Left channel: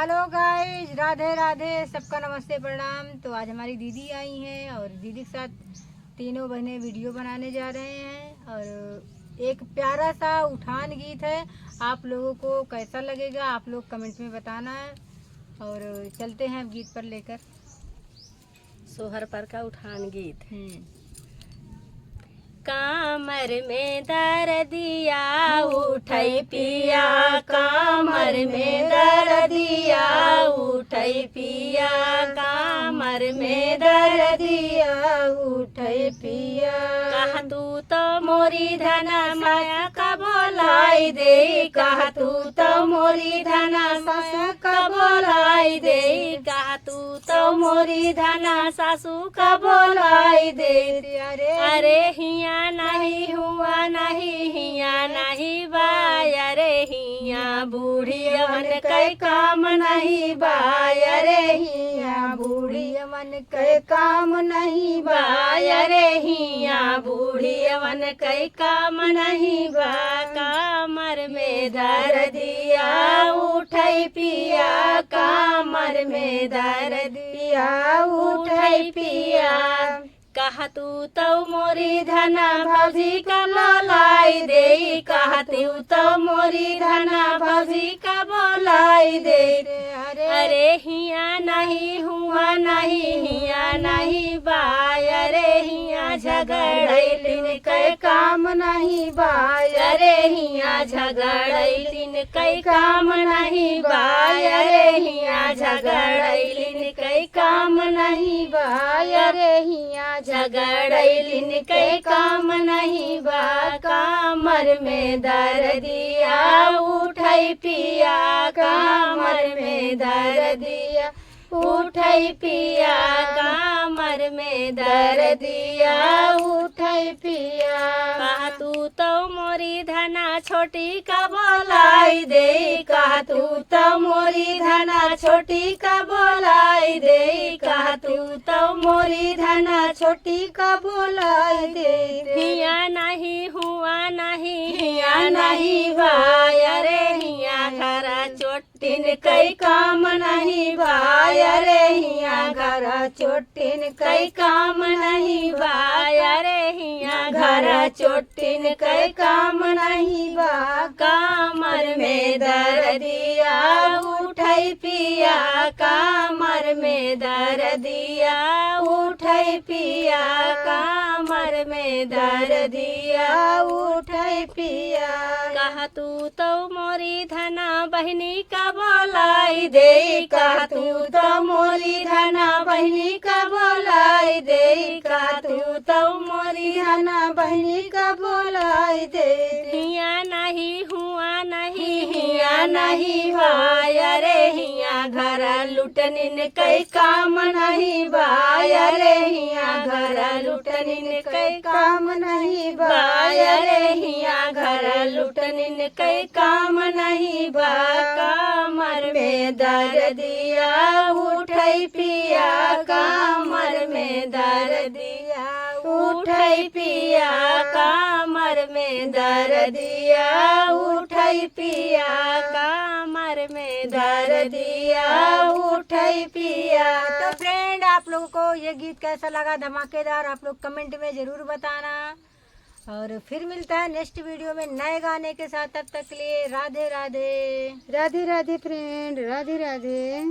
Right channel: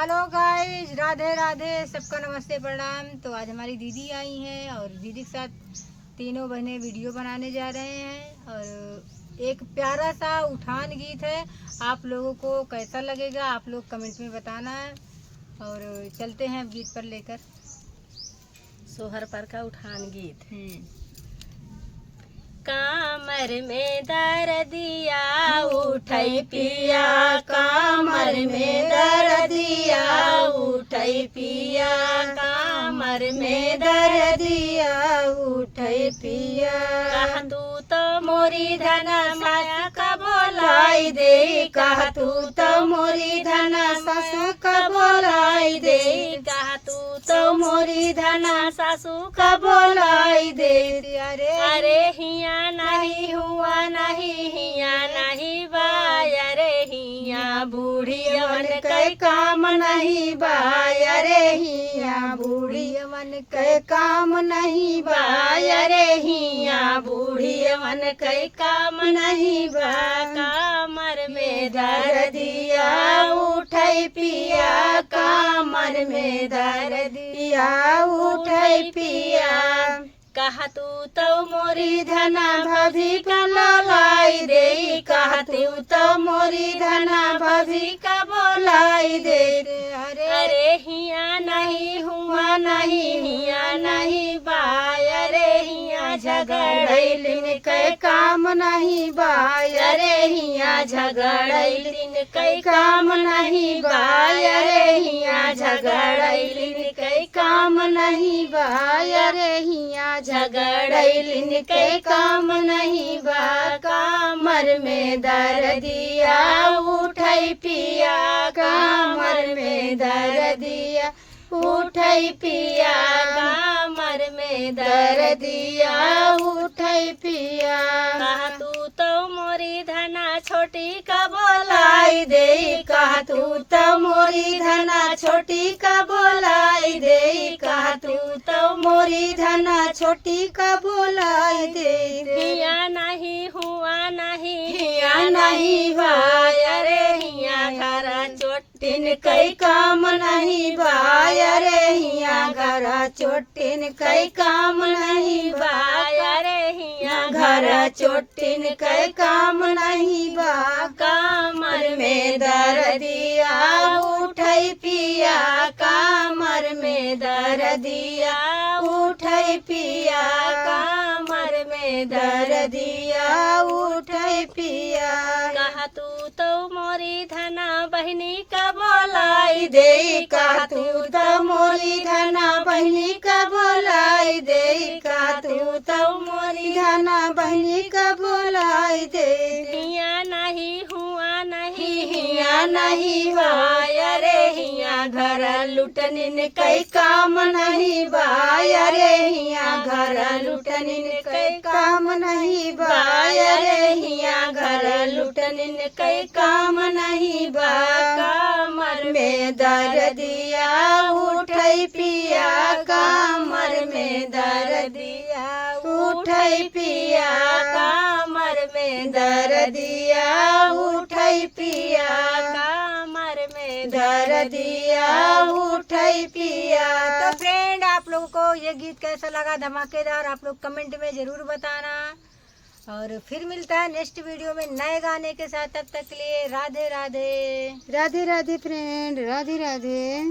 Hello guys, Radhe Radhe, सबका नमस्ते प्रणाम। तो आज हमारी दीदी आई हैं और दीदी के साथ तीनों बहनें वीडियो बनाने जा रहे हैं और एक प्यारा सा उठान गीत है। आप लोगों को कैसा लगेगा आप लोग कमेंट में बताना है। और चलते हैं अब गीत पर लेकर। सोहर पर का उठान गीत। कामर में दर्दिया उठै पिया, कामर में दर्दिया उठै पिया, कामर में दर्दिया उठै पिया। कह तू तो मोरी धन माया का बोलाई दे, कह तू तो मोरी धन माया का बोलाई दे, कह तू तो मोरी धन सासू का बोलाई दे। अरे हिया नहीं हुआ नहीं हिया नहीं बाय, अरे हिया बूढ़ी मन कई काम नहीं बाय, अरे हिया बूढ़ी मन कई काम नहीं बाय, अरे हिया बूढ़ी मन कई काम नहीं बा। कामर में दर्दिया उठै पिया, कामर में दर्दिया उठै पिया। कह तू तो मोरी धना भभी का बोलाई दे, कह तू तो मोरी धना भभी का बोलाई दे। अरे हिया नहीं हुआ नहीं हिया नहीं बाय, अरे हिया झगड़ैलिन कई काम नहीं बाय, अरे हिया झगड़ैलिन कई काम नहीं बाय, अरे हिया झगड़ैलिन कई काम नहीं बाय, अरे हिया झगड़ैलिन कई काम नहीं बा। कामर में दर्दिया उठै पिया, कामर में दर्दिया उठै पिया, कामर में दर्दिया उठै पिया। कह तू तो मोरी धना छोटी का बोलाई दे, कह तू तो मोरी धना छोटी का बोलाई दे, कह तू तो मोरी धना छोटी का बोलाई दे। हिया नहीं हुआ नहीं हिया नहीं भाई, अरे हिया घर चोटिन कई काम नहीं भाई, अरे हिया घर चोटिन कई काम नहीं भाई, अरे हिया घर चोटिन कई काम नहीं बा। कामर में दर्दिया उठै पिया, कामर में दर्दिया उठै पिया, कामर में दर्दिया उठै पिया। कह तू तो मोरी धना बहनी का बोलाई दे, कह तू तो मोरी धना बहनी का बोलाई दे, कह तू तो मोरी धना बहनी का बोलाई दे। हिया नहीं हुआ नहीं हिया नहीं भाई, अरे हिया घर लुटनिन कई काम नहीं भाई, अरे हिया घर लुटनिन कई काम नहीं भाई, अरे हिया घर लुटनिन कई काम नहीं बा। कामर में दर्दिया उठै पिया, कामर में दर्दिया उठै पिया, कामर में दर्दिया उठै पिया, कामर में दर्दिया उठै पिया। तो फ्रेंड, आप लोगों को ये गीत कैसा लगा धमाकेदार, आप लोग कमेंट में ज़रूर बताना। और फिर मिलता है नेक्स्ट वीडियो में नए गाने के साथ। तब तक के लिए राधे राधे। राधे राधे फ्रेंड, राधे राधे।